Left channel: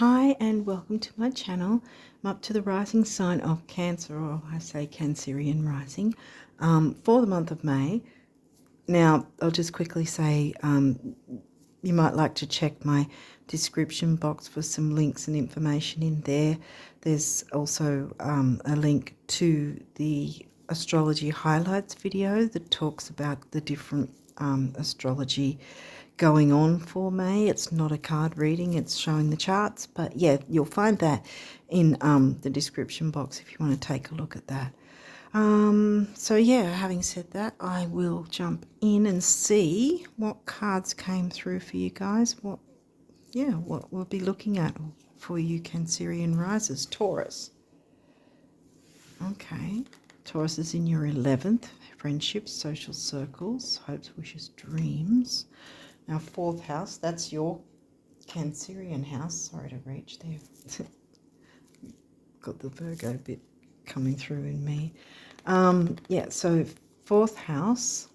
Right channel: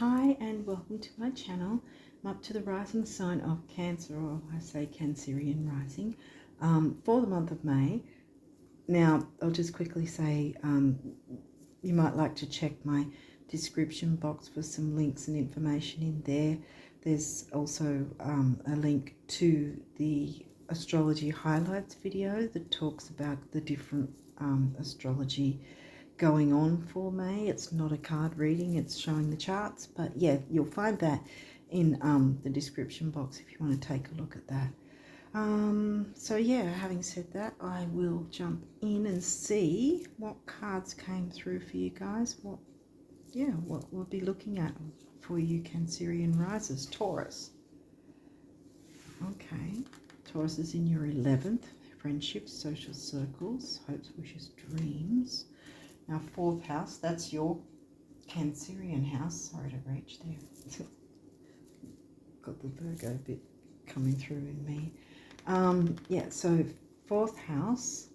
Hi and welcome to my channel. I'm up to the rising sign of Cancer, or I say Cancerian rising, for the month of May. Now, I'll just quickly say you might like to check my description box for some links and information in there. There's also a link to the astrology highlights video that talks about the different astrology going on for May. It's not a card reading, it's showing the charts, but yeah, you'll find that in the description box if you want to take a look at that. So yeah, having said that, I will jump in and see what cards came through for you guys. What we'll be looking at for you Cancerian risers. Taurus. Okay, Taurus is in your 11th, friendships, social circles, hopes, wishes, dreams. Now, 4th house, that's your Cancerian house. Sorry to reach there. Got the Virgo bit coming through in me. So 4th house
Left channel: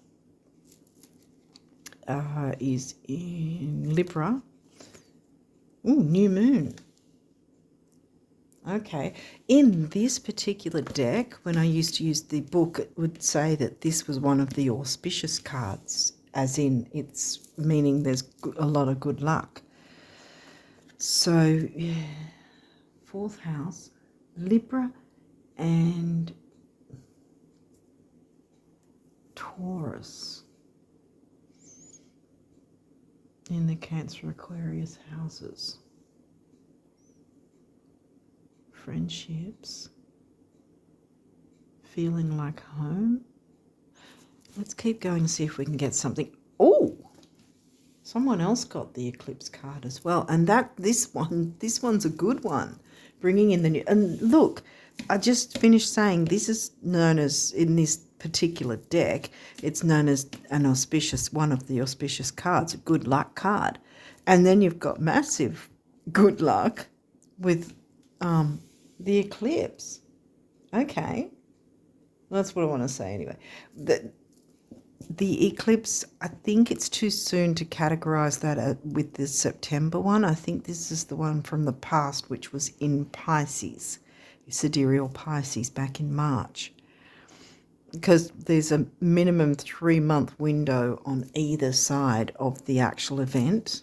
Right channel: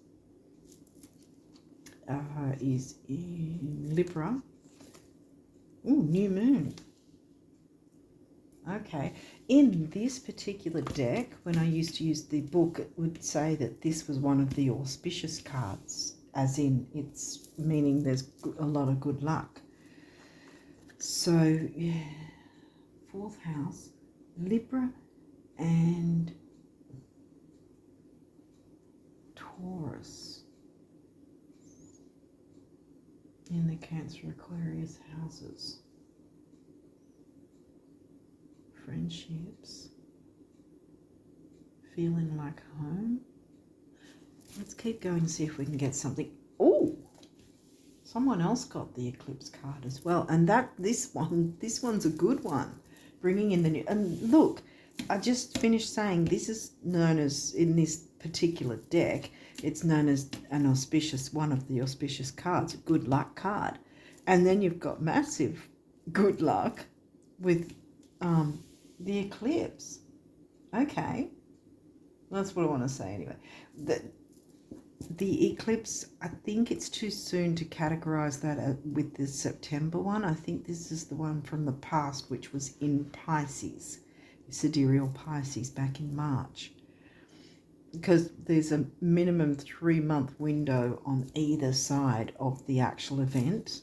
is in Libra. Ooh, new moon. Okay. In this particular deck, when I used to use the book, it would say that this was one of the auspicious cards, as in it's meaning there's a lot of good luck. So, yeah, 4th house, Libra and Taurus in the Cancer Aquarius houses. Friendships, feeling like home. Let's keep going and see if we can get something. Oh, someone else got the eclipse card as well, and this one's a good one, bringing in the new. And look, I just finished saying this is known as, in this particular deck, it's known as one of the auspicious cards, a good luck card, and then you've got massive good luck with the eclipse. Okay, that's what I want to say anyway. The eclipse, I think it's too soon to categorize that with the September one. I think this is the one from the past, which was in Pisces, sidereal Pisces, back in March. Because there's a minimum 3-month window on either side of the actual event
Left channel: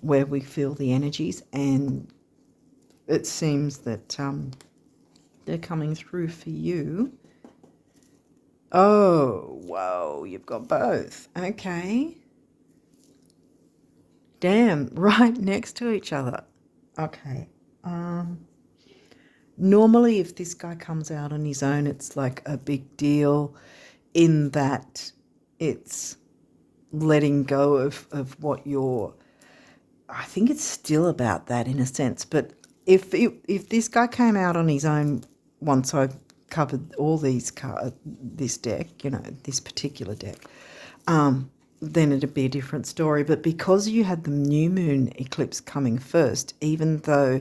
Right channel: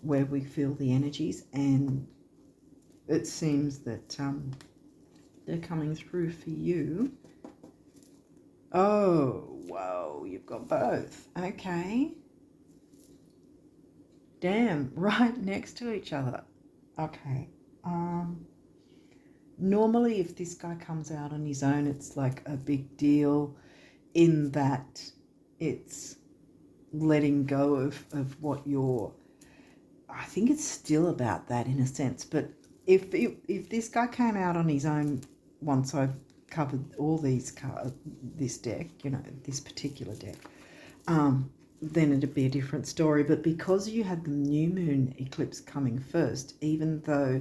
where we feel the energies, and it seems that they're coming through for you. Oh, whoa, you've got both. Okay. Damn, right next to each other. Okay. Normally, if this guy comes out on his own, it's like a big deal in that it's letting go of what you're... I think it's still about that in a sense, but if this guy came out on his own once I've covered all these cards, this deck, this particular deck, then it'd be a different story. But because you had the new moon eclipse coming first, even though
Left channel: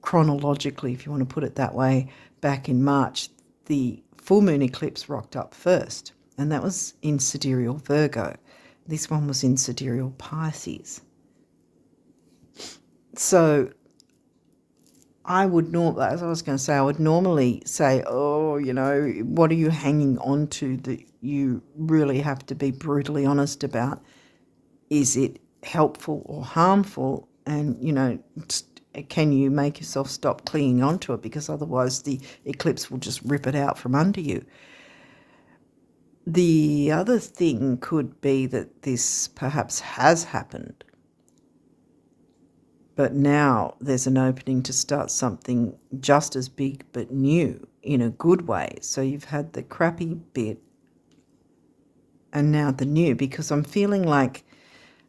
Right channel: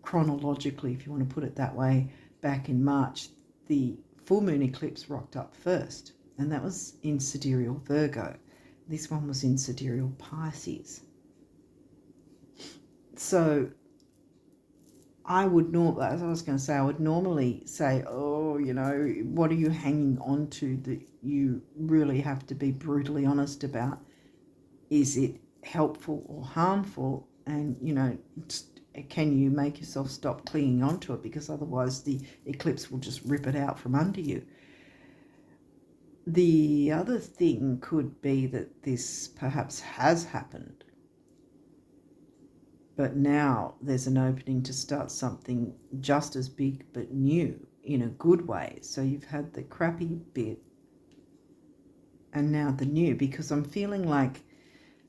chronologically, if you want to put it that way, back in March, the full moon eclipse rocked up first, and that was in sidereal Virgo. This one was in sidereal Pisces. So I would normally, as I was going to say, I would normally say, oh, what are you hanging on to that you really have to be brutally honest about? Is it helpful or harmful? And, can you make yourself stop clinging onto it? Because otherwise the eclipse will just rip it out from under you. The other thing could be that this perhaps has happened, but now there's an opening to start something just as big but new in a good way. So you've had the crappy bit and now the new, because I'm feeling like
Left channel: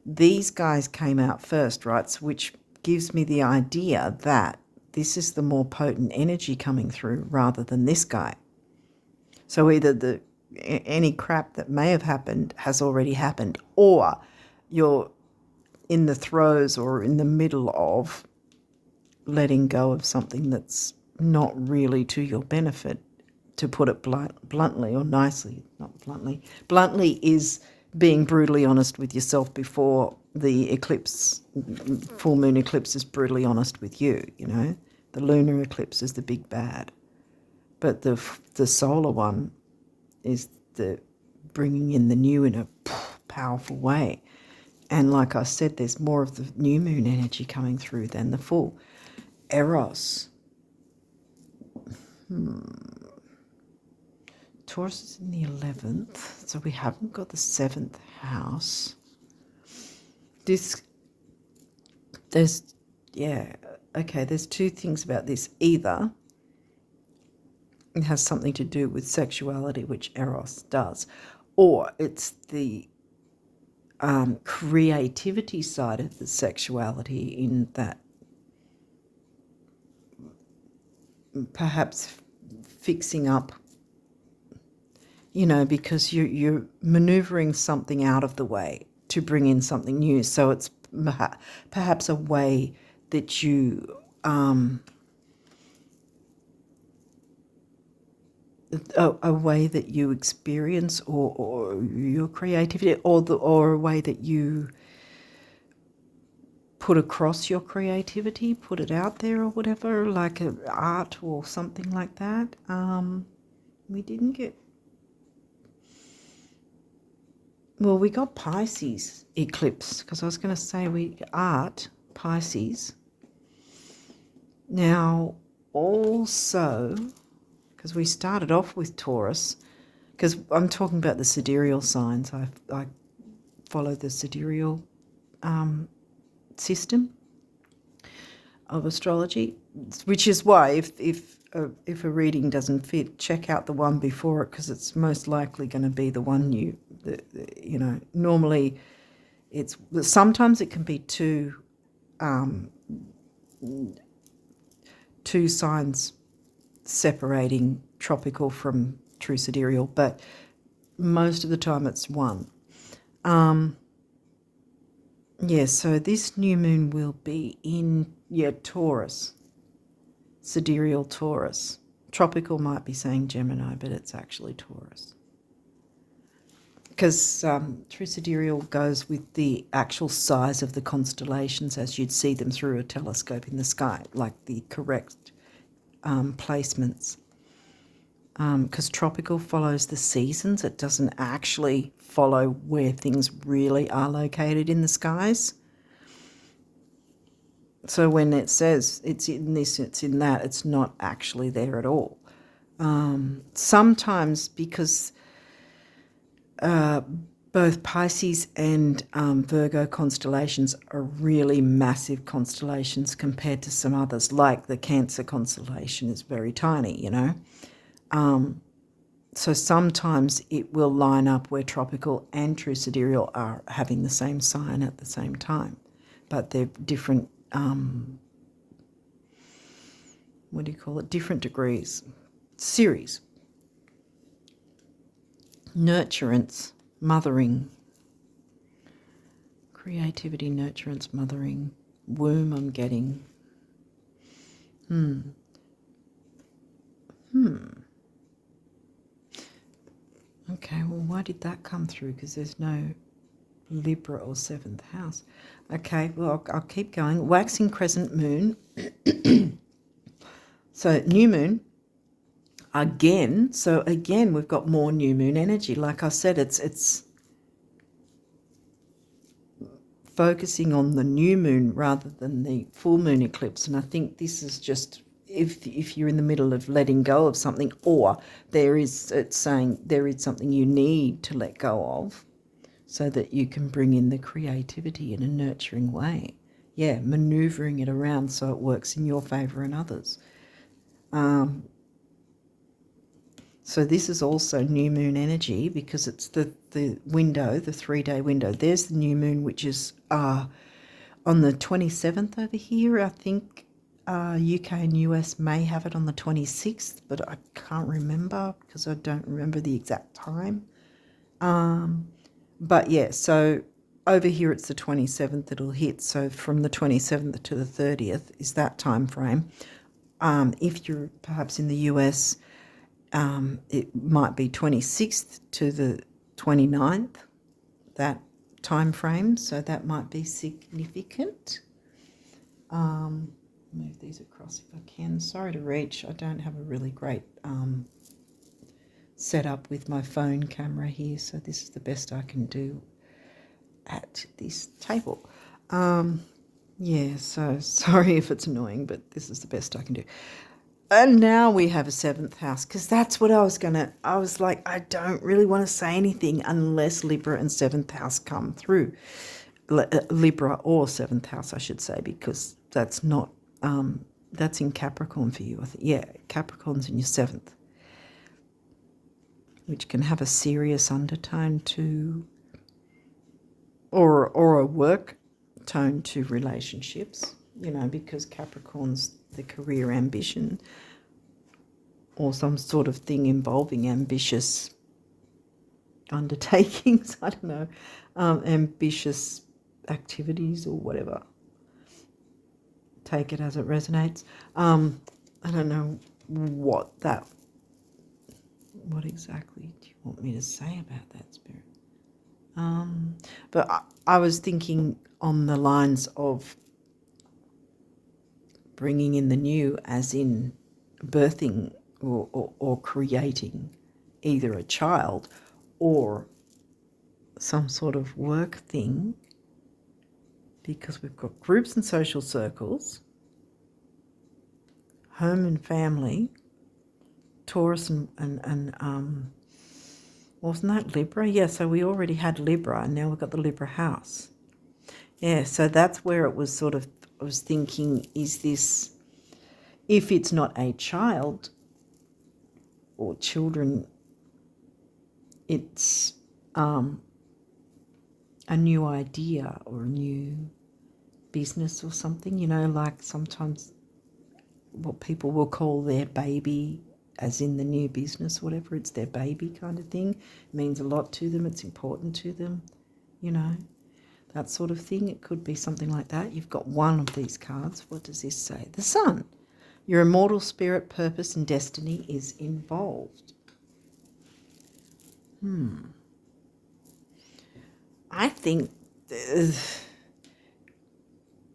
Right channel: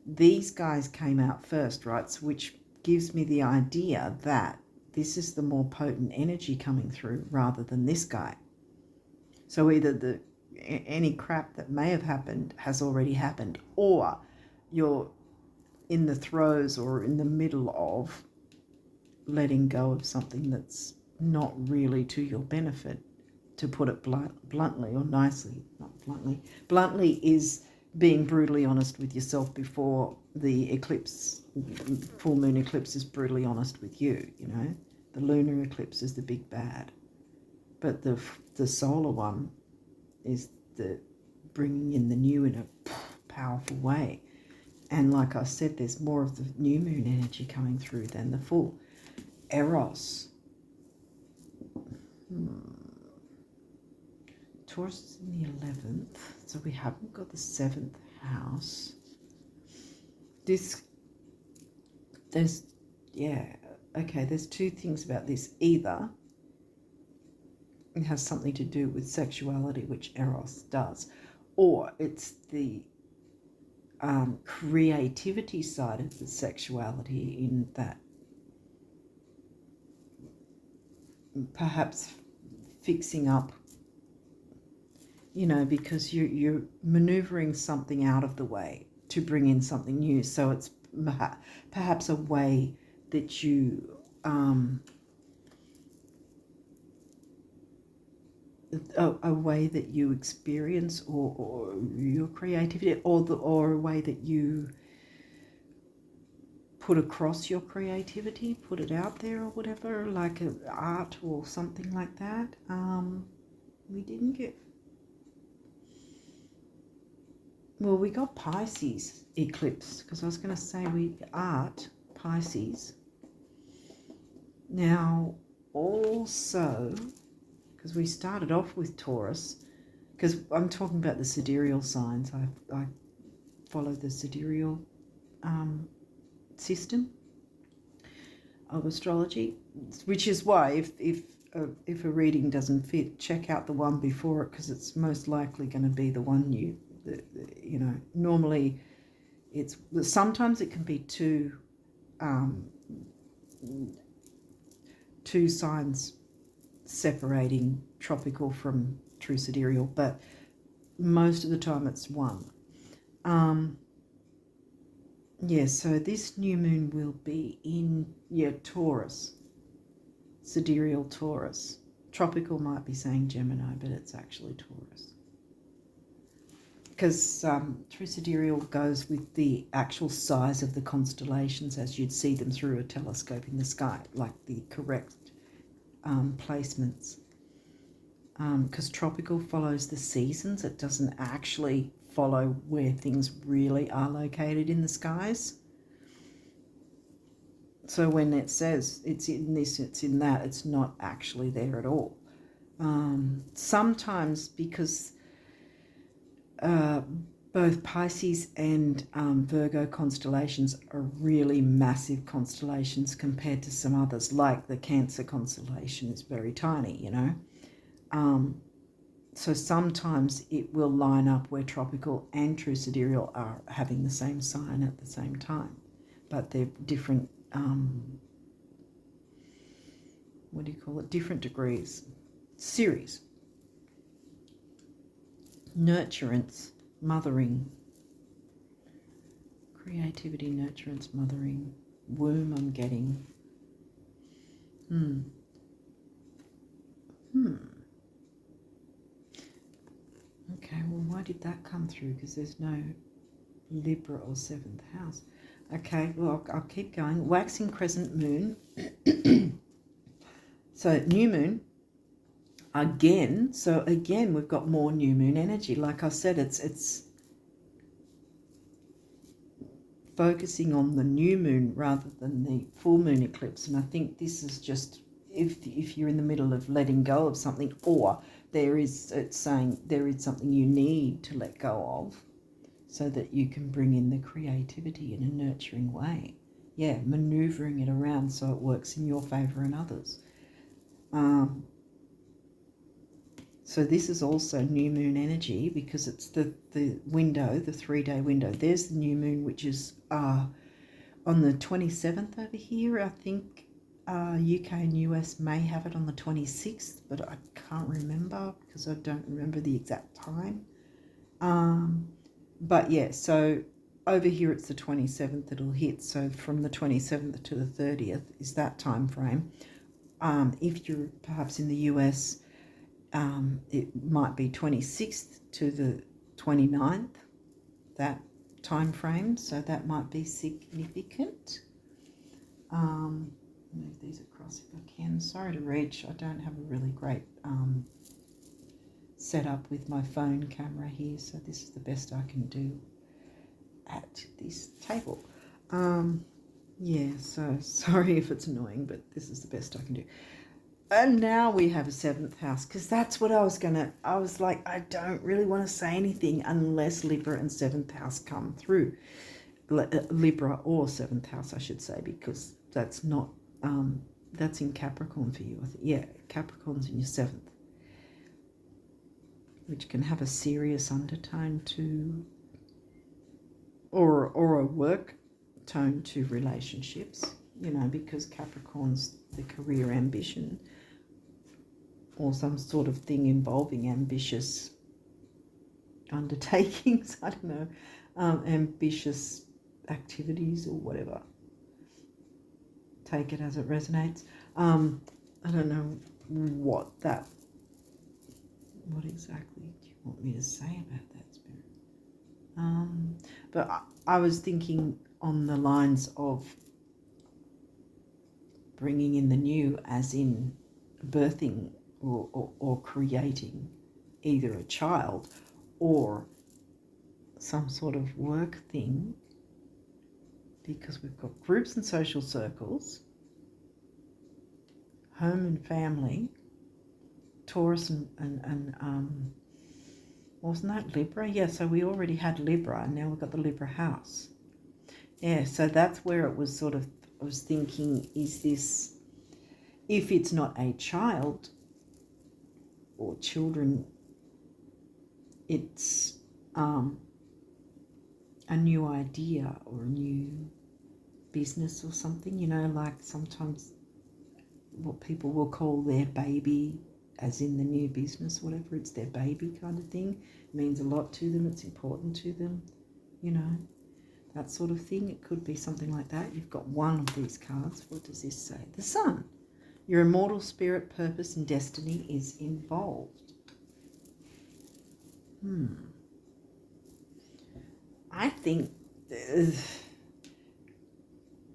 these guys came out first, right? So which gives me the idea that this is the more potent energy coming through rather than this guy. So either any crap that may have happened has already happened, or you're in the throes or in the middle of letting go of something that's not really to your benefit, to put it bluntly or nicely. Not bluntly. Bluntly is being brutally honest with yourself before the eclipse, full moon eclipse is brutally honest with you, you know. The lunar eclipse is the big bad. But the solar one is the bringing in the new in a powerful way. And like I said, there's more of the new moon energy coming through than the full. Eros. Taurus is in the 11th, so we haven't got the 7th house. There's two things about this. Either it has something to do with sexuality, which Eros does, or it's the creativity side of the sexuality, in that perhaps fixing up, you know, because you're maneuvering something out of the way to bring in something new. So it's perhaps a way that you a way that you experience or your creativity, or a way that you put across your creativity, put it out there or whatever, like art or something like that. We didn't get... Well, we got Pisces eclipse, because I was going to say art, Pisces. Now, also, because we started off with Taurus, because I'm talking about the sidereal signs. I follow the sidereal system of astrology, which is why if a reading doesn't fit, check out the one before it, because it's most likely going to be the one you know. Normally sometimes it can be two signs separating tropical from true sidereal, but most of the time it's one. So this new moon will be in Taurus, sidereal Taurus. Tropical might be saying Gemini, but it's actually Taurus, because true sidereal goes with the actual size of the constellations as you'd see them through a telescope in the sky, like the correct placements. Because tropical follows the seasons. It doesn't actually follow where things really are located in the skies. So when it says it's in this, it's in that, it's not actually there at all. Sometimes because both Pisces and Virgo constellations are really massive constellations compared to some others, like the Cancer constellation is very tiny, you know. So sometimes it will line up where tropical and true sidereal are having the same sign at the same time, but they're different, different degrees. Series. Nurturance, mothering. Creativity, nurturance, mothering. Womb, I'm getting. Okay, well, why did that come through? Because there's no Libra or 7th house. Okay, well, I'll keep going. Waxing crescent moon. So new moon. Again, we've got more new moon energy. Like I said, it's focusing on the new moon rather than the full moon eclipse. And I think this is just if you're in the middle of letting go of something, or it's saying there is something you need to let go of so that you can bring in the creativity in a nurturing way. Yeah, maneuvering it around so it works in your favor and others. So this is also new moon energy, because it's the window, the 3-day window. There's the new moon, which is on the 27th over here. I think UK and US may have it on the 26th, but I can't remember because I don't remember the exact time. But yeah, so over here it's the 27th it'll hit. So from the 27th to the 30th is that time frame. If you're perhaps in the US, it might be 26th to the 29th. that time frame, so that might be significant. Move these across if I can. Sorry to reach. I don't have a really great setup with my phone camera here, so this is the best I can do at this table. Yeah, so sorry if it's annoying, but this is the best I can do. And now we have a 7th house, because that's what I was like, I don't really want to say anything unless Libra and 7th house come through. Libra or 7th house, I should say, because that's not, that's in Capricorn for you. I think, yeah, Capricorn's in your 7th, which can have a serious undertone to, or a work tone to relationships, you know, because Capricorn's the career ambition or some sort of thing involving ambitious undertakings, I don't know, ambitious activities or whatever. Take it as it resonates. I don't know what exactly do you want me to say about that, Spirit? But I was thinking on the lines of bringing in the new, as in birthing or creating either a child or some sort of work thing, because we've got groups and social circles, home and family, Taurus and wasn't that Libra? Yeah, so we already had Libra and now we've got the Libra house. Yeah, so that's where it was sort of, I was thinking, is this, if it's not a child or children, it's a new idea or a new business or something, you know, like sometimes what people will call their baby, as in the new business, whatever, it's their baby kind of thing. It means a lot to them, it's important to them, you know, that sort of thing. It could be something like that. You've got one of these cards. What does this say? The Sun. Your immortal spirit, purpose and destiny is involved. I think,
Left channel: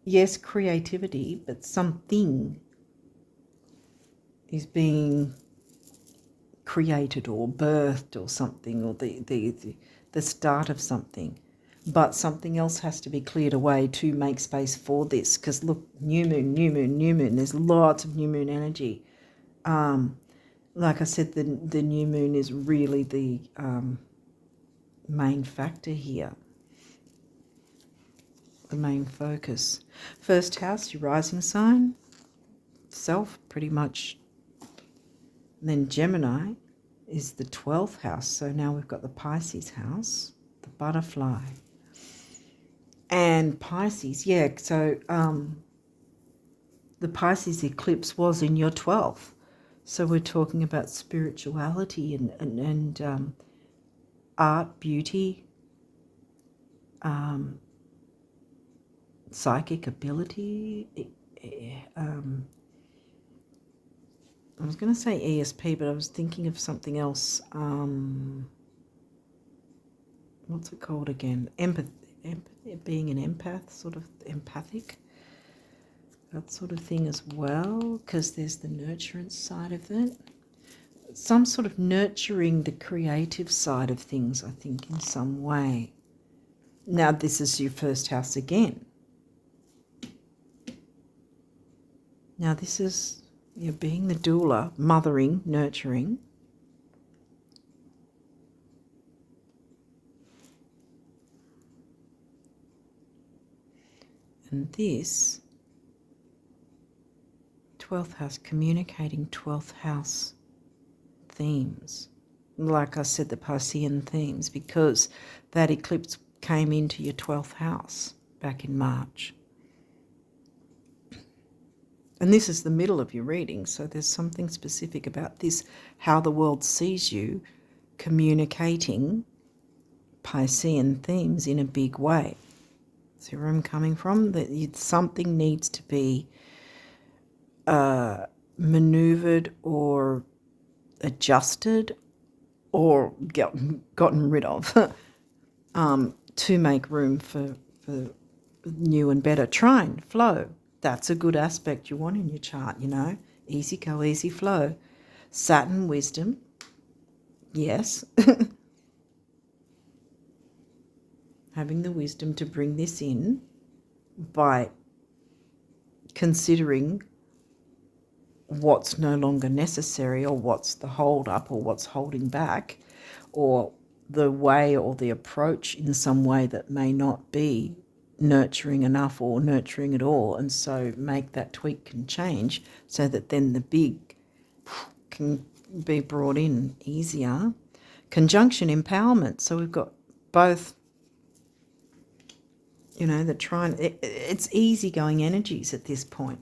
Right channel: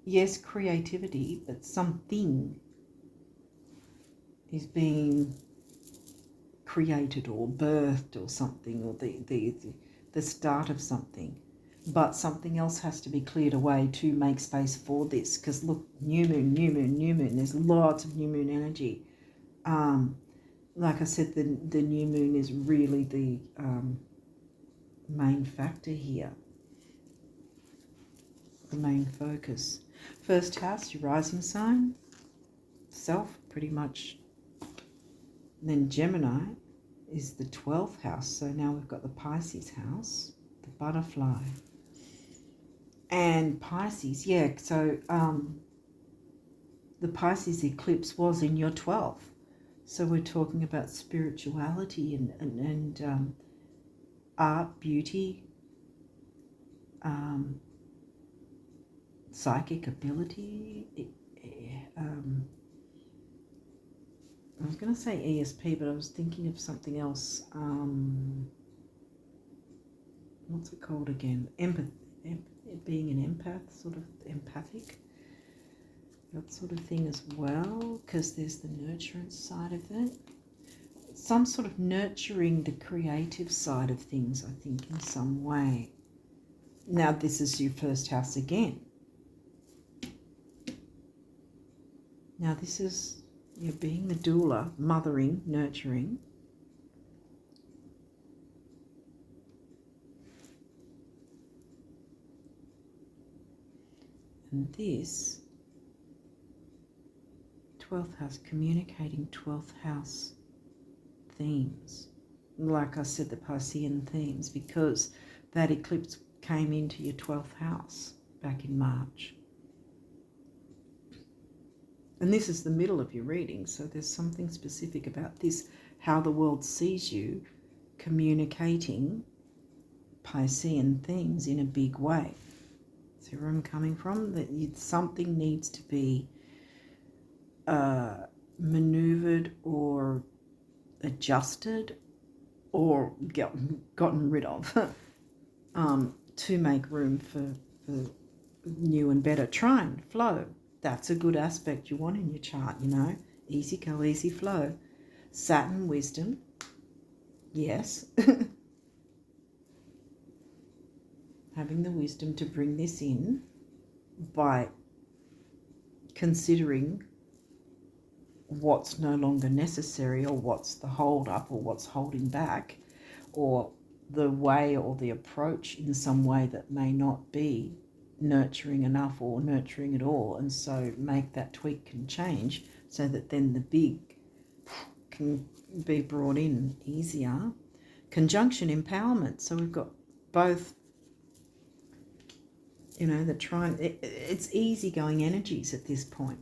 yes, creativity, but something is being created or birthed or something, or the start of something. But something else has to be cleared away to make space for this. Because look, new moon, new moon, new moon. There's lots of new moon energy. Like I said, the new moon is really the main factor here. The main focus. First house, your rising sign, self, pretty much. And then Gemini is the 12th house. So now we've got the Pisces house, the butterfly. And Pisces, yeah, so the Pisces eclipse was in your 12th. So we're talking about spirituality and art, beauty, psychic ability. I was going to say ESP, but I was thinking of something else. What's it called again? Empathy, being an empath, sort of empathic. That sort of thing as well, because there's the nurturance side of it. Some sort of nurturing the creative side of things, I think, in some way. Now, this is your first house again. Now, this is, you're being the doula, mothering, nurturing. And this 12th house, communicating 12th house themes. Like I said, the Piscean themes, because that eclipse came into your 12th house back in March. And this is the middle of your reading, so there's something specific about this, how the world sees you communicating Piscean themes in a big way. See where I'm coming from? That something needs to be maneuvered or adjusted or gotten rid of to make room for new and better. Trine, flow. That's a good aspect you want in your chart, you know. Easy go, easy flow. Saturn, wisdom. Yes. Having the wisdom to bring this in by considering what's no longer necessary, or what's the hold up, or what's holding back, or the way or the approach in some way that may not be nurturing enough or nurturing at all, and so make that tweak and change so that then the big can be brought in easier. Conjunction, empowerment. So we've got both, you know, the trine. It's easygoing energies at this point.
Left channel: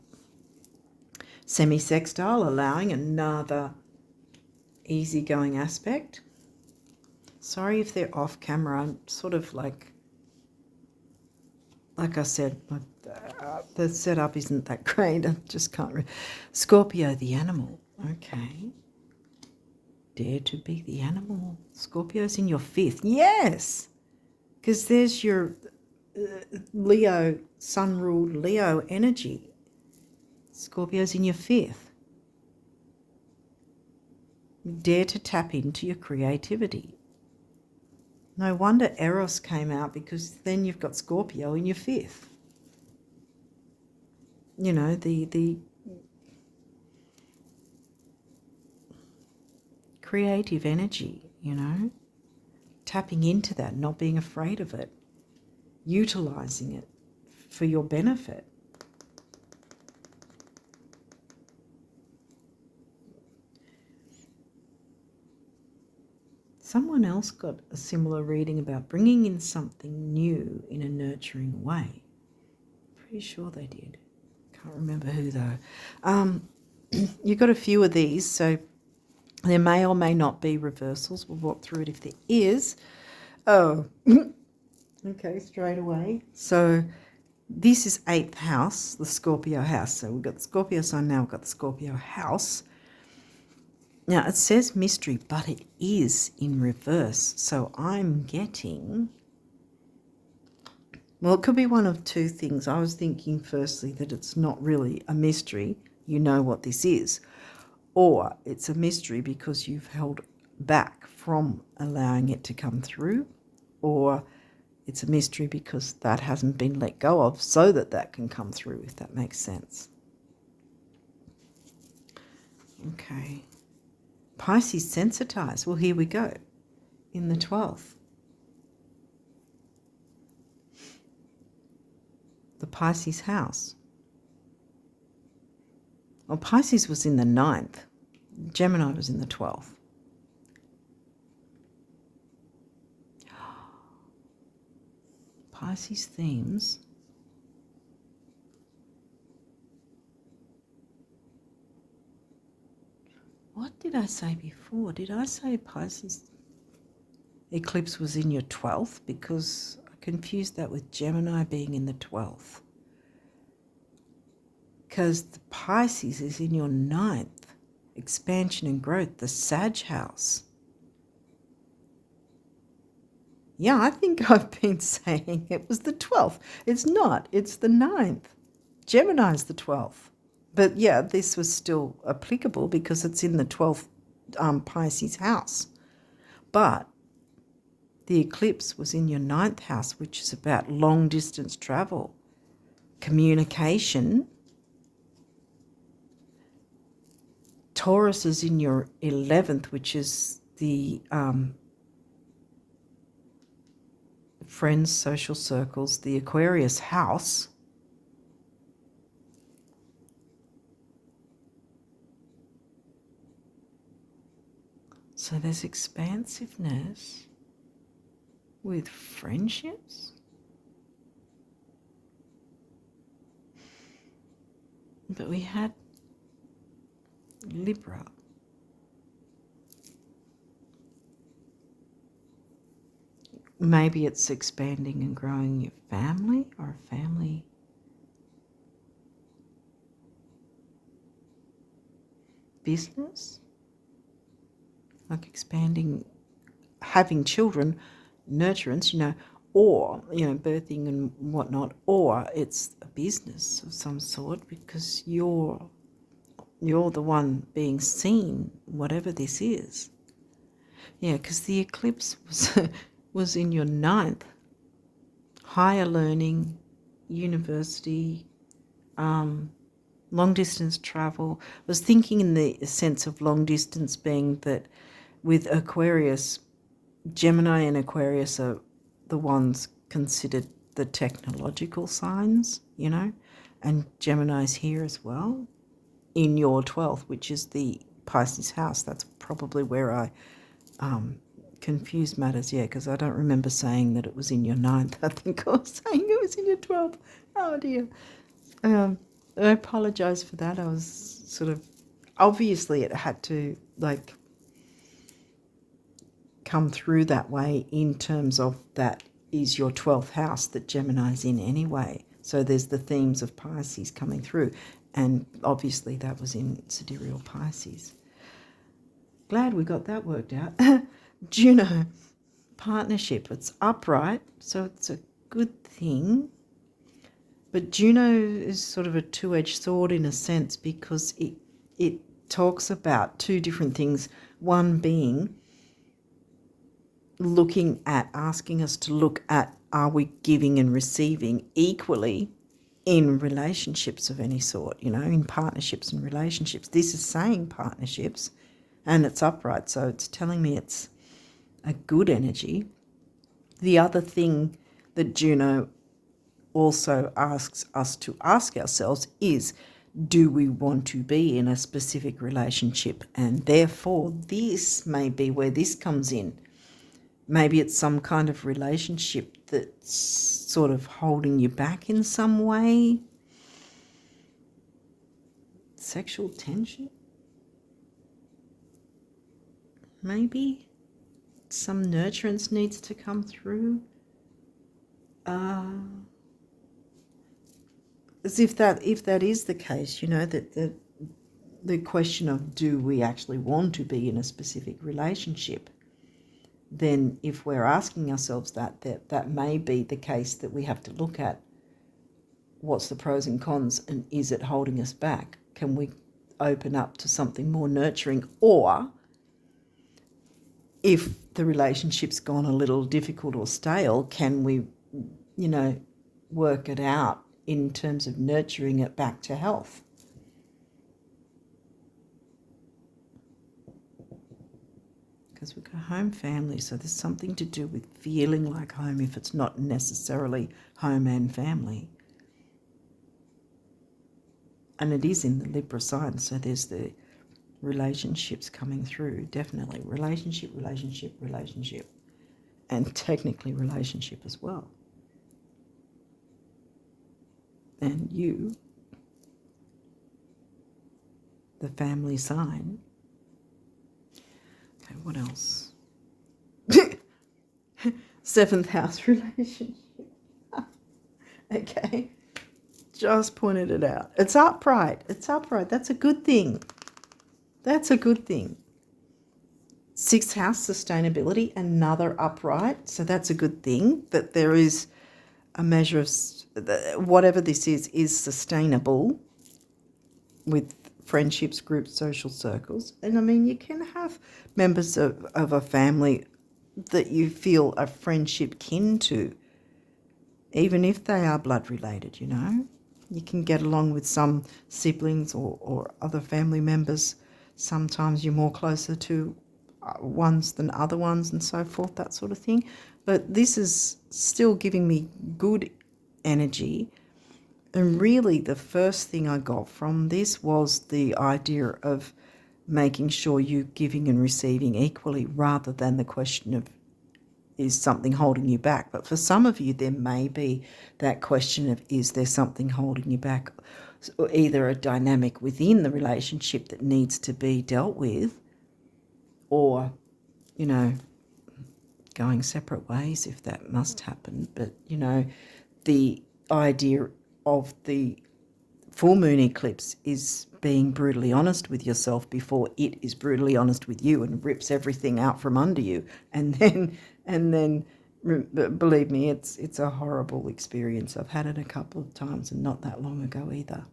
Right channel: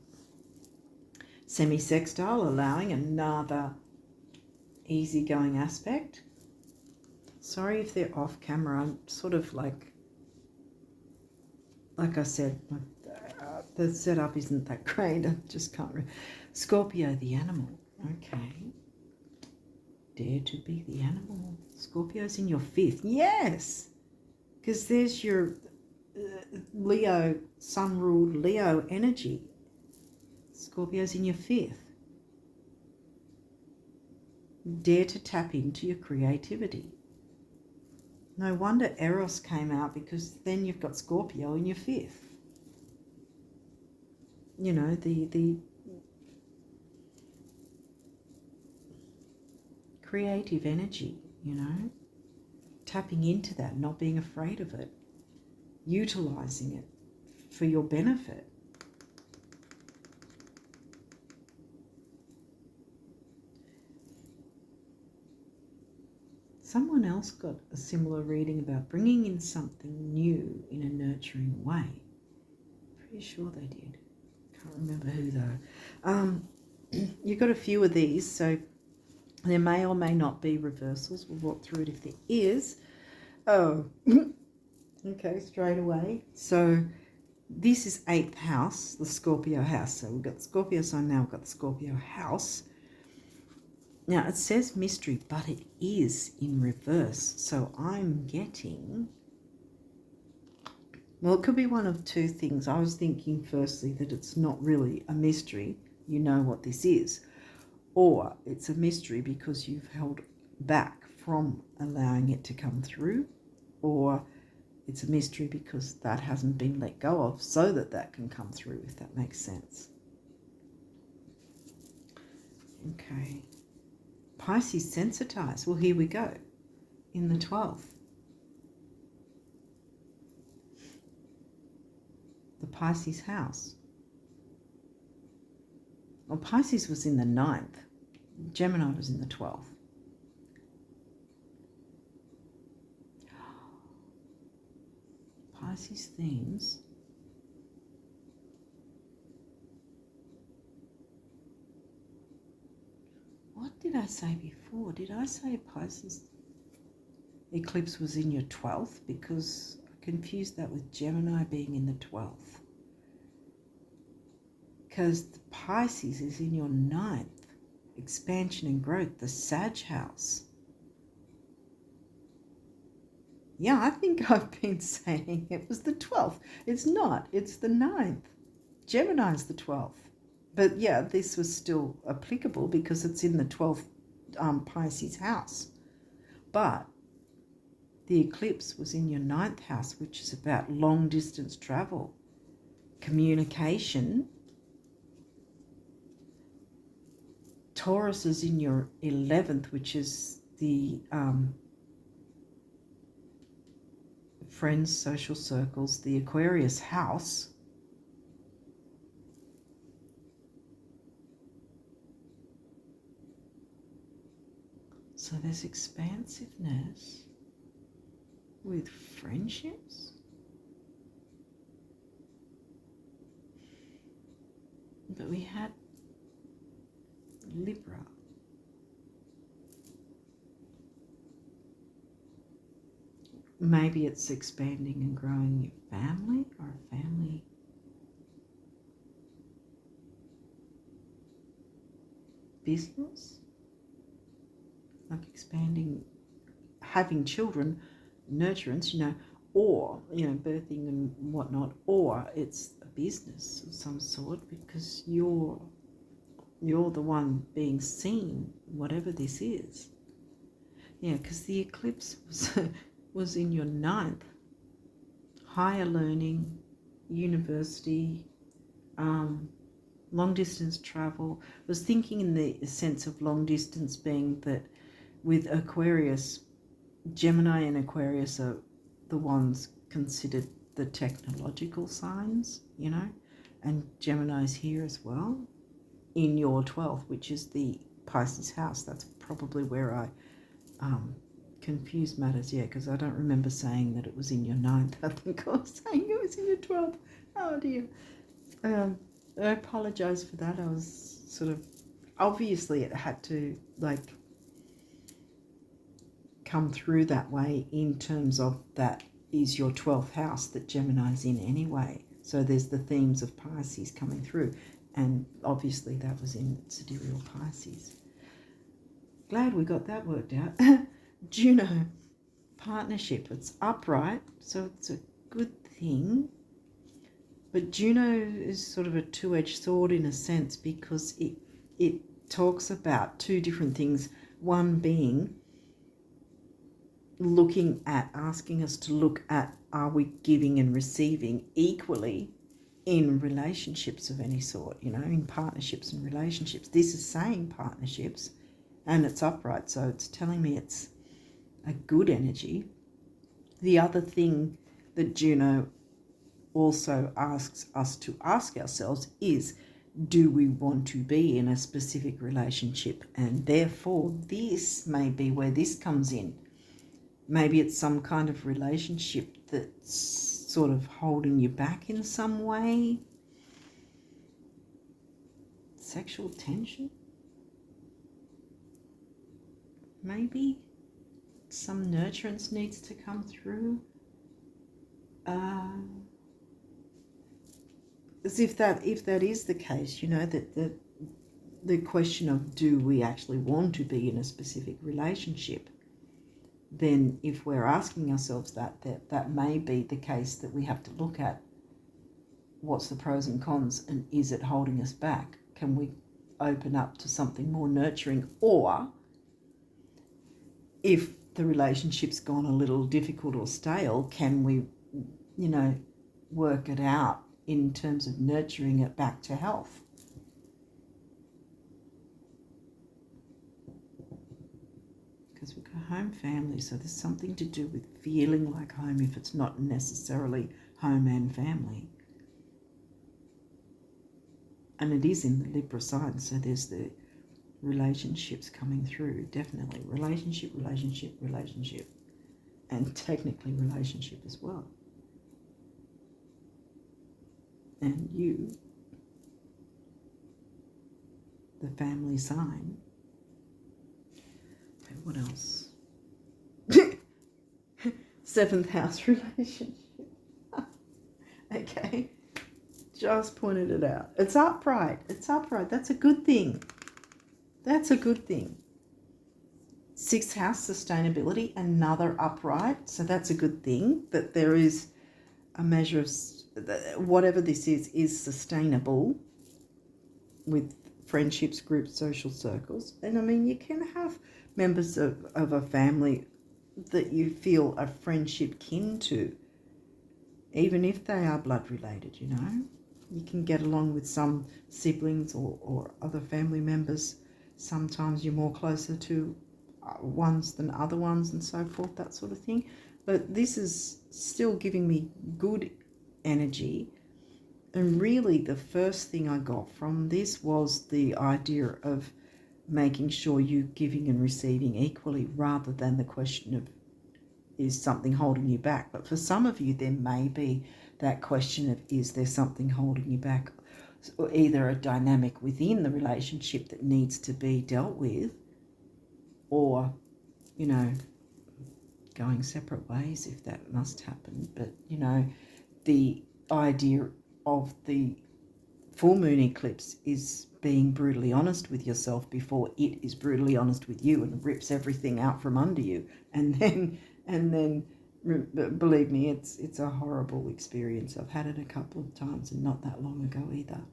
Semi-sextile, allowing another easygoing aspect. Sorry if they're off camera. I'm sort of like I said, the setup isn't that great. I just can't. Scorpio, the animal. Okay. Dare to be the animal. Scorpio's in your 5th. Yes. Because there's your Leo, sun-ruled Leo energy. Scorpio's in your 5th. Dare to tap into your creativity. No wonder Eros came out, because then you've got Scorpio in your 5th. You know, the creative energy, you know, tapping into that, not being afraid of it, utilizing it for your benefit. Someone else got a similar reading about bringing in something new in a nurturing way. Pretty sure they did. Can't remember who though. You've got a few of these, so there may or may not be reversals. We'll walk through it if there is. Oh, okay, straight away. So this is 8th house, the Scorpio house. So we've got the Scorpio sign now, we've got the Scorpio house. Now, it says mystery, but it is in reverse. So I'm getting, well, it could be one of two things. I was thinking firstly that it's not really a mystery. You know what this is. Or it's a mystery because you've held back from allowing it to come through. Or it's a mystery because that hasn't been let go of so that that can come through, if that makes sense. Okay. Pisces sensitized. Well, here we go. In the 12th. The Pisces house. Well, Pisces was in the 9th. Gemini was in the 12th. Pisces themes. What did I say before? Did I say Pisces eclipse was in your 12th? Because I confused that with Gemini being in the 12th. Because the Pisces is in your 9th. Expansion and growth, the Sag house. Yeah, I think I've been saying it was the 12th. It's not. It's the 9th. Gemini's the 12th. But yeah, this was still applicable because it's in the 12th Pisces house. But the eclipse was in your 9th house, which is about long distance travel, communication. Taurus is in your 11th, which is the friends, social circles, the Aquarius house. So there's expansiveness with friendships. But we had Libra. Maybe it's expanding and growing your family or a family business. Like expanding, having children, nurturance, you know, or, birthing and whatnot, or it's a business of some sort because you're the one being seen, whatever this is. Yeah, because the eclipse was in your ninth. Higher learning, university, long distance travel. I was thinking in the sense of long distance being that with Aquarius, Gemini and Aquarius are the ones considered the technological signs, and Gemini's here as well in your 12th, which is the Pisces house. That's probably where I confused matters, because I don't remember saying that it was in your 9th. I think I was saying it was in your 12th. Oh dear. I apologise for that. I was sort of, obviously it had to come through that way in terms of that is your 12th house that Gemini's in anyway. So there's the themes of Pisces coming through. And obviously that was in Sidereal Pisces. Glad we got that worked out. Juno, partnership. It's upright, so it's a good thing. But Juno is sort of a two-edged sword in a sense because it talks about two different things. One being asking us to look at, are we giving and receiving equally in relationships of any sort, in partnerships and relationships. This is saying partnerships and it's upright, so it's telling me it's a good energy. The other thing that Juno also asks us to ask ourselves is, do we want to be in a specific relationship? And therefore, this may be where this comes in. Maybe it's some kind of relationship that's sort of holding you back in some way. Sexual tension? Maybe some nurturance needs to come through. As if that is the case, that the question of do we actually want to be in a specific relationship, then if we're asking ourselves that may be the case, that we have to look at what's the pros and cons and is it holding us back? Can we open up to something more nurturing? Or if the relationship's gone a little difficult or stale, can we, work it out in terms of nurturing it back to health? Because we've got home family, so there's something to do with feeling like home if it's not necessarily home and family. And it is in the Libra sign, so there's the relationships coming through, definitely. Relationship, and technically relationship as well. And you, the family sign. Okay, what else? 7th house relationship. Okay, just pointed it out. It's upright. That's a good thing. 6th house, sustainability, another upright. So that's a good thing, that there is a measure of whatever this is sustainable with friendships, groups, social circles. And you can have members of a family that you feel a friendship kin to, even if they are blood related, You can get along with some siblings or other family members. Sometimes you're more closer to ones than other ones and so forth, that sort of thing. But this is still giving me good energy. And really the first thing I got from this was the idea of making sure you're giving and receiving equally, rather than the question of, is something holding you back? But for some of you, there may be that question of, is there something holding you back? Or either a dynamic within the relationship that needs to be dealt with, or, going separate ways if that must happen. But, the idea of the full moon eclipse is being brutally honest with yourself before it is brutally honest with you and rips everything out from under you. And then Believe me, it's a horrible experience. I've had it a couple of times and not that long ago either.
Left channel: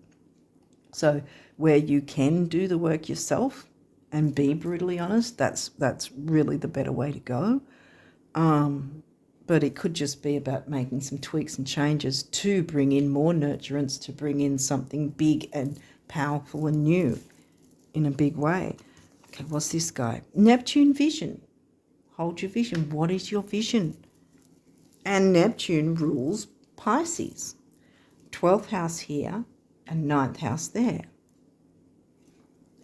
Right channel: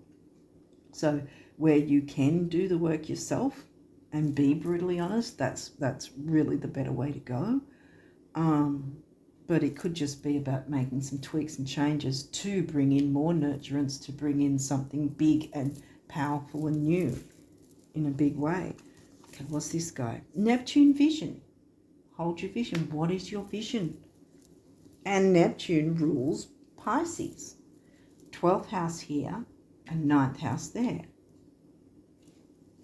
So where you can do the work yourself and be brutally honest, that's really the better way to go. But it could just be about making some tweaks and changes to bring in more nurturance, to bring in something big and powerful and new in a big way. Okay, what's this guy? Neptune vision. Hold your vision. What is your vision? And Neptune rules Pisces. 12th house here and 9th house there.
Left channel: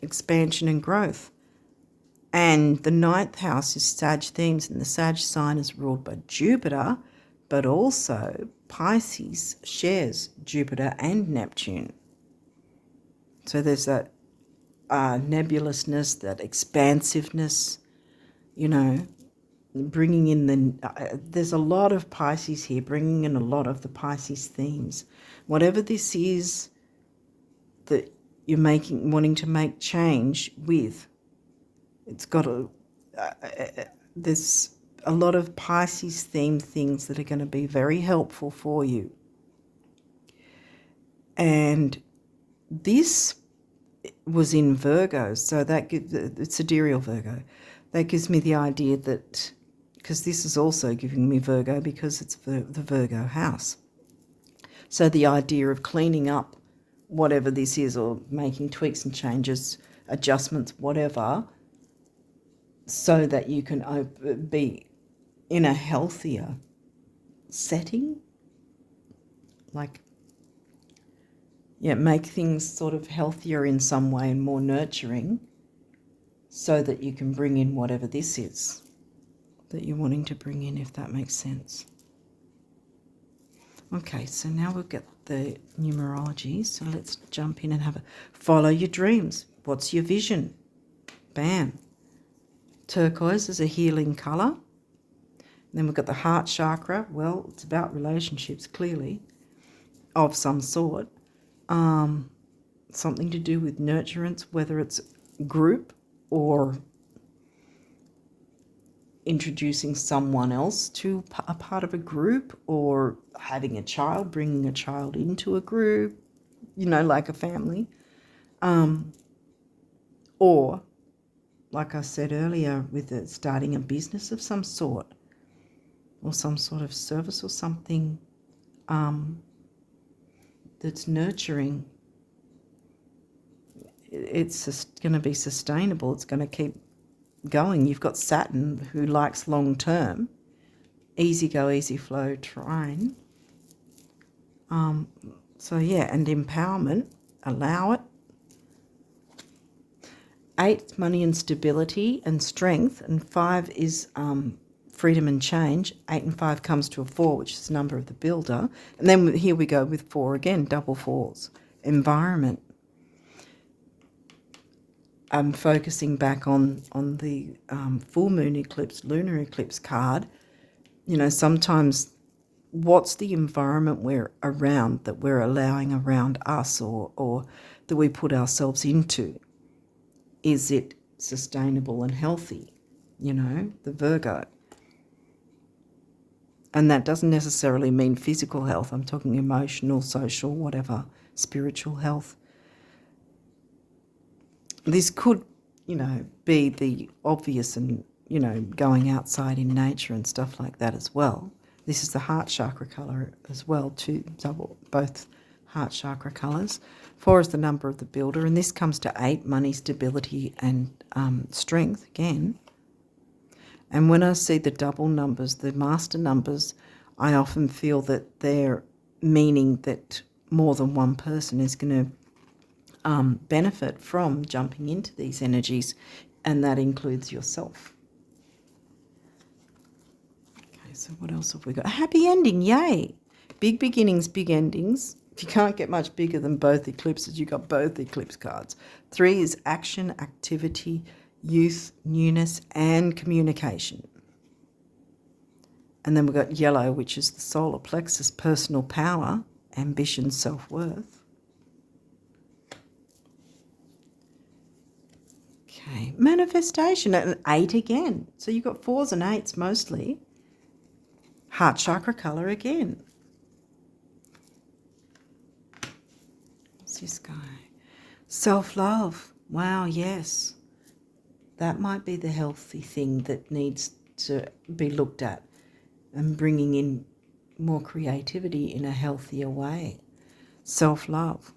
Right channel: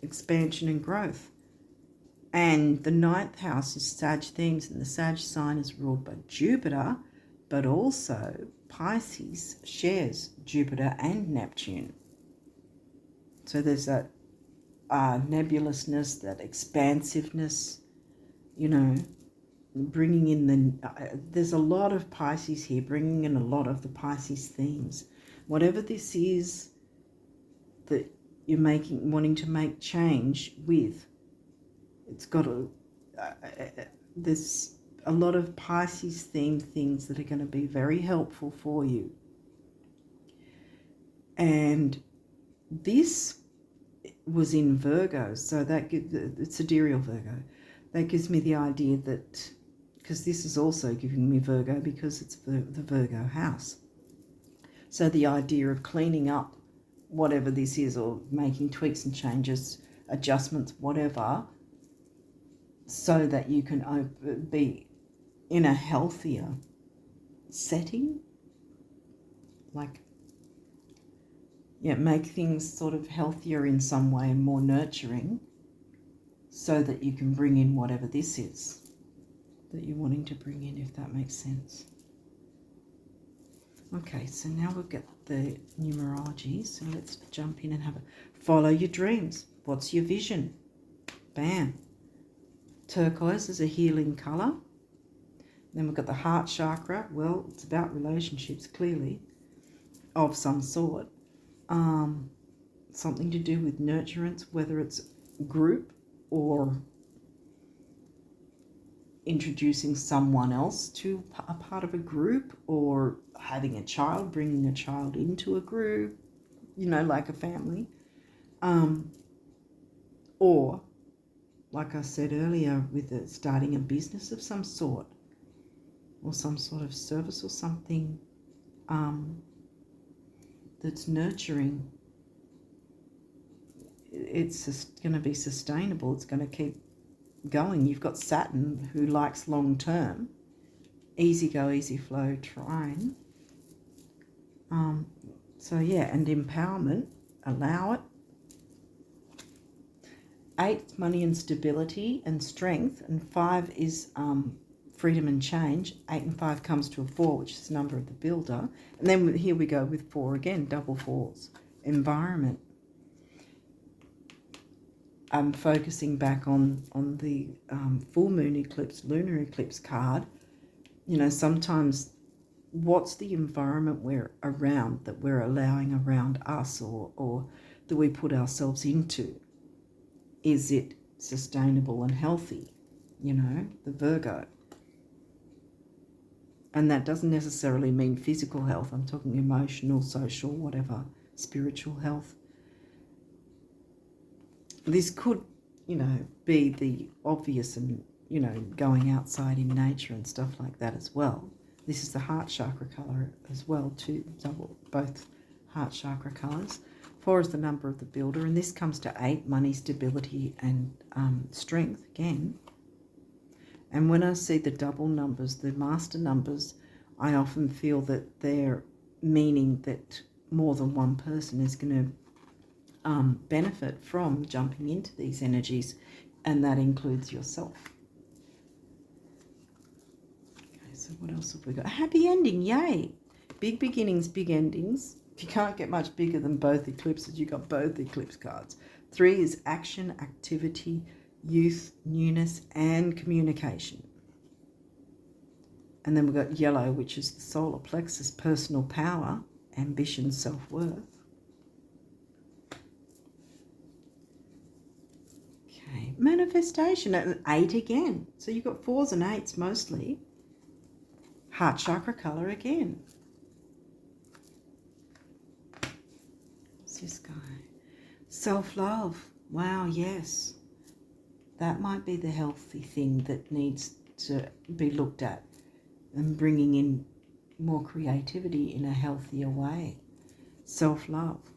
Expansion and growth. And the 9th house is Sag themes, and the Sag sign is ruled by Jupiter, but also Pisces shares Jupiter and Neptune. So there's that nebulousness, that expansiveness, bringing in there's a lot of Pisces here, bringing in a lot of the Pisces themes. Whatever this is that you're wanting to make change with, it's got there's a lot of Pisces themed things that are going to be very helpful for you. And this was in Virgo, so that it's sidereal Virgo. That gives me the idea that, because this is also giving me Virgo because it's the Virgo house. So the idea of cleaning up whatever this is, or making tweaks and changes, adjustments, whatever, so that you can be in a healthier setting. Make things sort of healthier in some way and more nurturing, so that you can bring in whatever this is that you're wanting to bring in, if that makes sense. Okay, so now we've got the numerology, so let's jump in and follow your dreams. What's your vision? Bam. Turquoise is a healing colour. Then we've got the heart chakra. Well, it's about relationships, clearly, of some sort. Something to do with nurturance, whether it's group or introducing someone else to a part of a group, or having a child, bringing a child into a group, like a family. Or, like I said earlier, with starting a business of some sort, or some sort of service or something that's nurturing. It's just going to be sustainable. It's going to keep going. You've got Saturn, who likes long term, easy go, easy flow trine. And empowerment, allow it. 8, money and stability and strength, and 5 is freedom and change. 8 and 5 comes to a 4, which is the number of the builder. And then here we go with 4 again, double 4s. Environment. I'm focusing back on the full moon eclipse, lunar eclipse card. Sometimes what's the environment we're around, that we're allowing around us, or that we put ourselves into? Is it sustainable and healthy? The Virgo. And that doesn't necessarily mean physical health. I'm talking emotional, social, whatever, spiritual health. This could, be the obvious and, going outside in nature and stuff like that as well. This is the heart chakra colour as well, too, both heart chakra colours. 4 is the number of the builder, and this comes to 8, money, stability and strength again. And when I see the double numbers, the master numbers, I often feel that they're meaning that more than one person is going to benefit from jumping into these energies, and that includes yourself. Okay, so what else have we got? A happy ending, yay! Big beginnings, big endings. If you can't get much bigger than both eclipses, you've got both eclipse cards. 3 is action, activity, youth, newness, and communication. And then we've got yellow, which is the solar plexus, personal power, ambition, self-worth. Okay, manifestation, and 8 again. So you've got 4s and 8s mostly. Heart chakra color again. What's this guy? Self-love. Wow, yes. That might be the healthy thing that needs to be looked at, and bringing in more creativity in a healthier way. Self-love.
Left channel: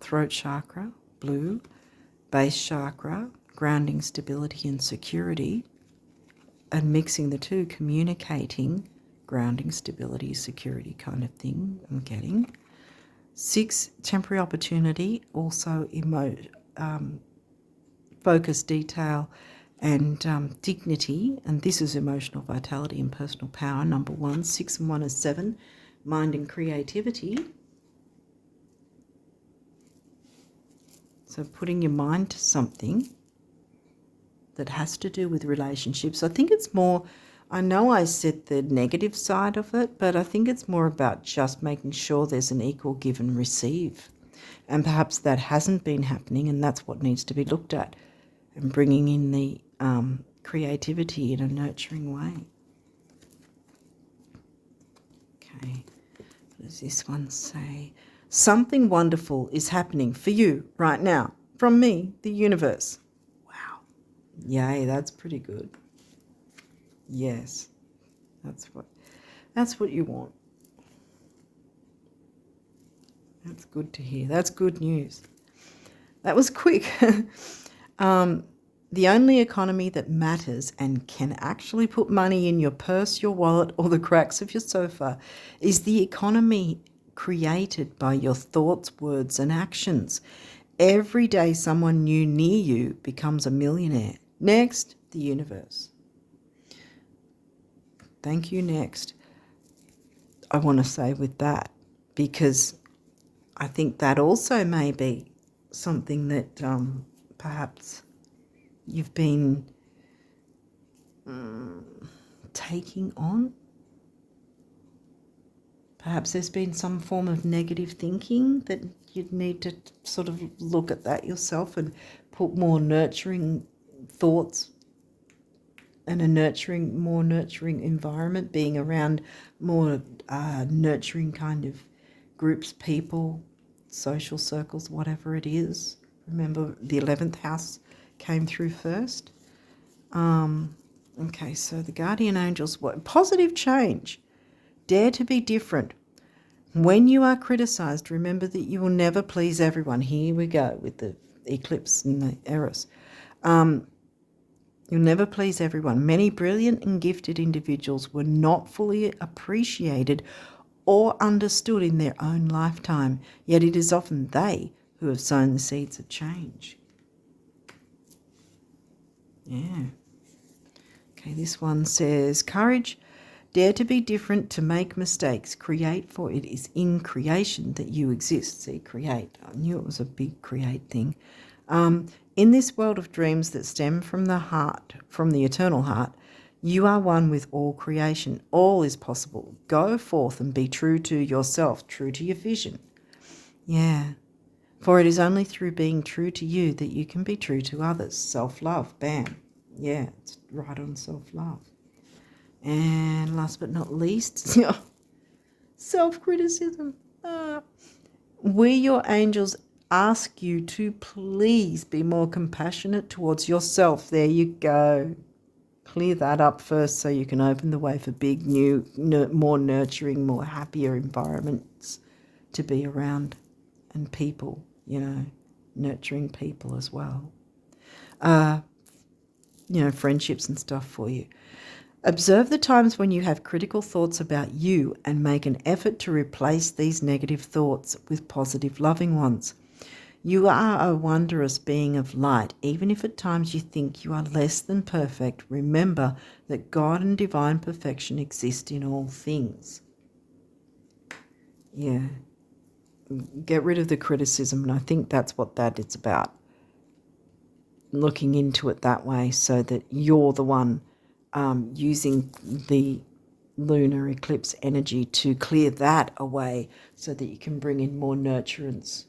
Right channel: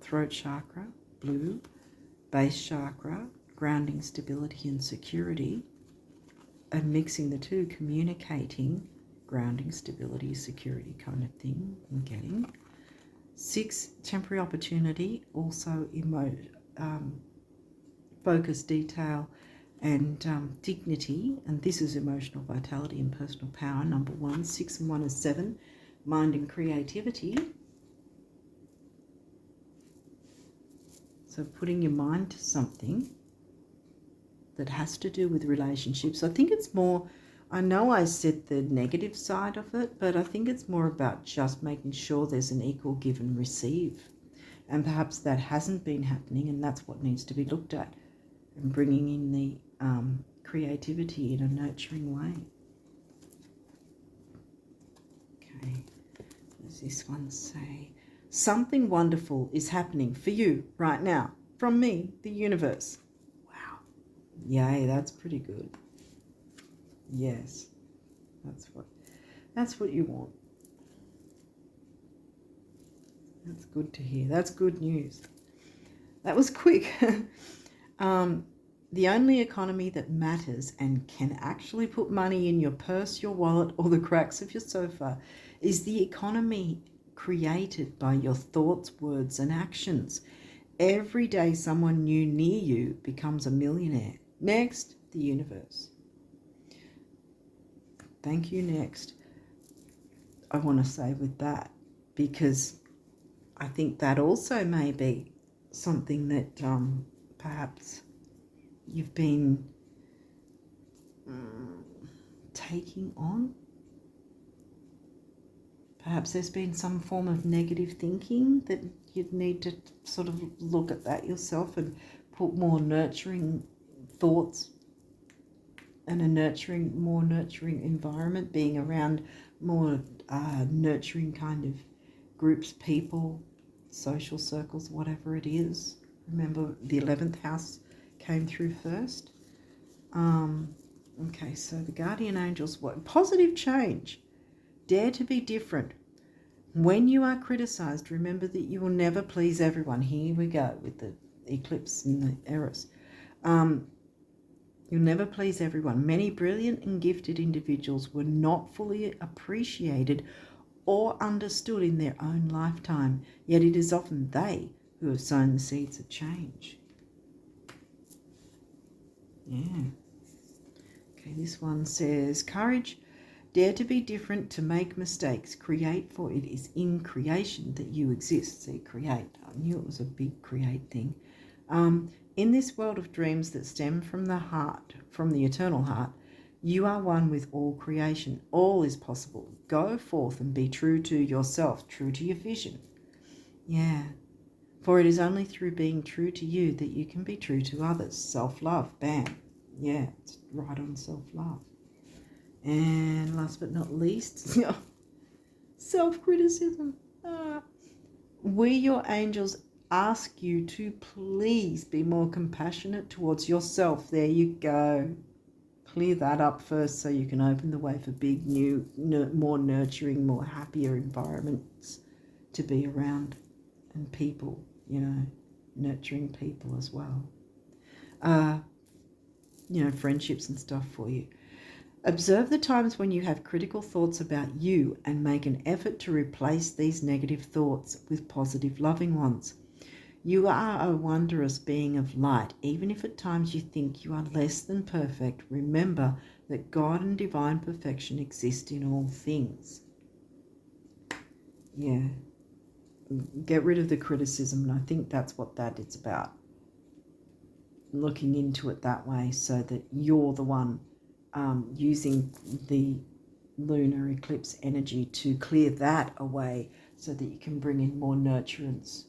Throat chakra, blue. Base chakra, grounding, stability and security. And mixing the two, communicating, grounding, stability, security kind of thing I'm getting. 6, temporary opportunity, also focus, detail and dignity. And this is emotional vitality and personal power, number 1. 6 and 1 is 7, mind and creativity. So putting your mind to something that has to do with relationships. I think it's more, I know I said the negative side of it, but I think it's more about just making sure there's an equal give and receive. And perhaps that hasn't been happening, and that's what needs to be looked at, and bringing in the creativity in a nurturing way. Okay, what does this one say? Something wonderful is happening for you right now. From me, the universe. Wow. Yay, that's pretty good. Yes. That's what you want. That's good to hear. That's good news. That was quick. The only economy that matters and can actually put money in your purse, your wallet, or the cracks of your sofa is the economy created by your thoughts, words, and actions. Every day someone new near you becomes a millionaire. Next, the universe. Thank you, next. I want to say with that, because I think that also may be something that perhaps you've been taking on. Perhaps there's been some form of negative thinking that you'd need to sort of look at that yourself and put more nurturing thoughts and more nurturing environment, being around more nurturing kind of groups, people, social circles, whatever it is. Remember, the 11th house came through first. Okay, so the guardian angels, what? Positive change. Dare to be different. When you are criticized, remember that you will never please everyone. Here we go with the eclipse and the Eros. You'll never please everyone. Many brilliant and gifted individuals were not fully appreciated or understood in their own lifetime, yet it is often they who have sown the seeds of change. Yeah. Okay, this one says, courage, dare to be different, to make mistakes, create, for it is in creation that you exist. See, create. I knew it was a big create thing. In this world of dreams that stem from the heart, from the eternal heart, you are one with all creation. All is possible. Go forth and be true to yourself, true to your vision. Yeah. For it is only through being true to you that you can be true to others. Self-love. Bam. Yeah, it's right on self-love. And last but not least, self-criticism. We, your angels, ask you to please be more compassionate towards yourself. There you go. Clear that up first so you can open the way for big, new, more nurturing, more happier environments to be around, and people, nurturing people as well. Friendships and stuff for you. Observe the times when you have critical thoughts about you and make an effort to replace these negative thoughts with positive, loving ones. You are a wondrous being of light. Even if at times you think you are less than perfect, remember that God and divine perfection exist in all things. Yeah. Get rid of the criticism, and I think that's what that is about. Looking into it that way so that you're the one using the lunar eclipse energy to clear that away so that you can bring in more nurturance,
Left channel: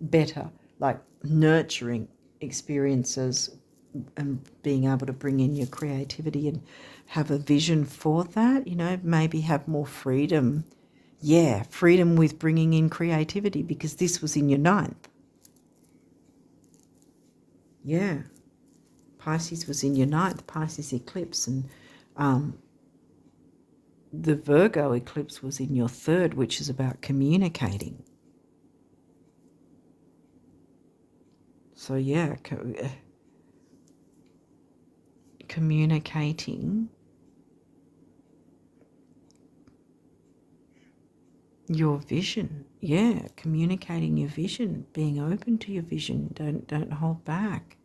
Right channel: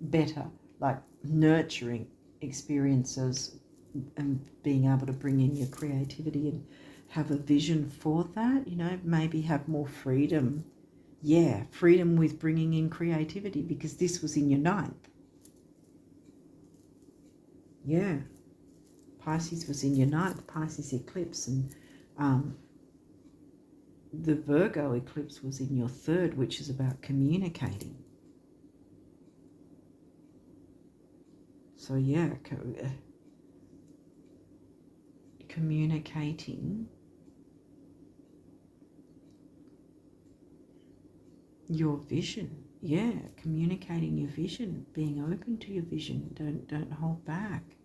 better, like nurturing experiences, and being able to bring in your creativity and have a vision for that, you know, maybe have more freedom. Yeah, freedom with bringing in creativity, because this was in your ninth. Yeah, Pisces was in your ninth, Pisces eclipse, and the Virgo eclipse was in your third, which is about communicating. So yeah, communicating your vision. Yeah, communicating your vision, being open to your vision. Don't hold back.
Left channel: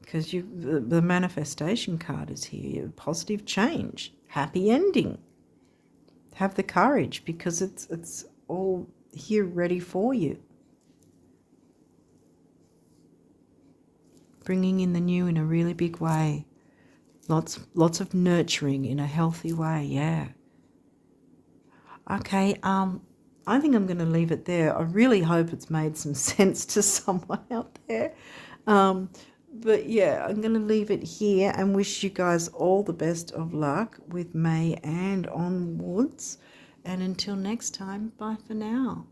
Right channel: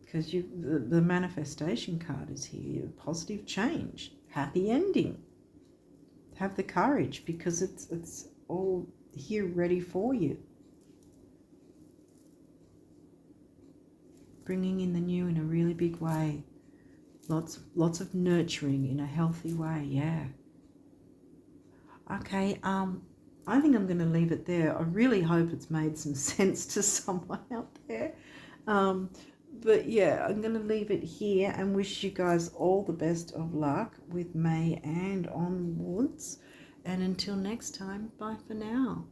Because the manifestation card is here. Positive change, happy ending. Have the courage, because it's all here ready for you. Bringing in the new in a really big way. Lots of nurturing in a healthy way. Yeah. Okay. I think I'm going to leave it there. I really hope it's made some sense to someone out there. But yeah, I'm going to leave it here and wish you guys all the best of luck with May and onwards. And until next time, bye for now.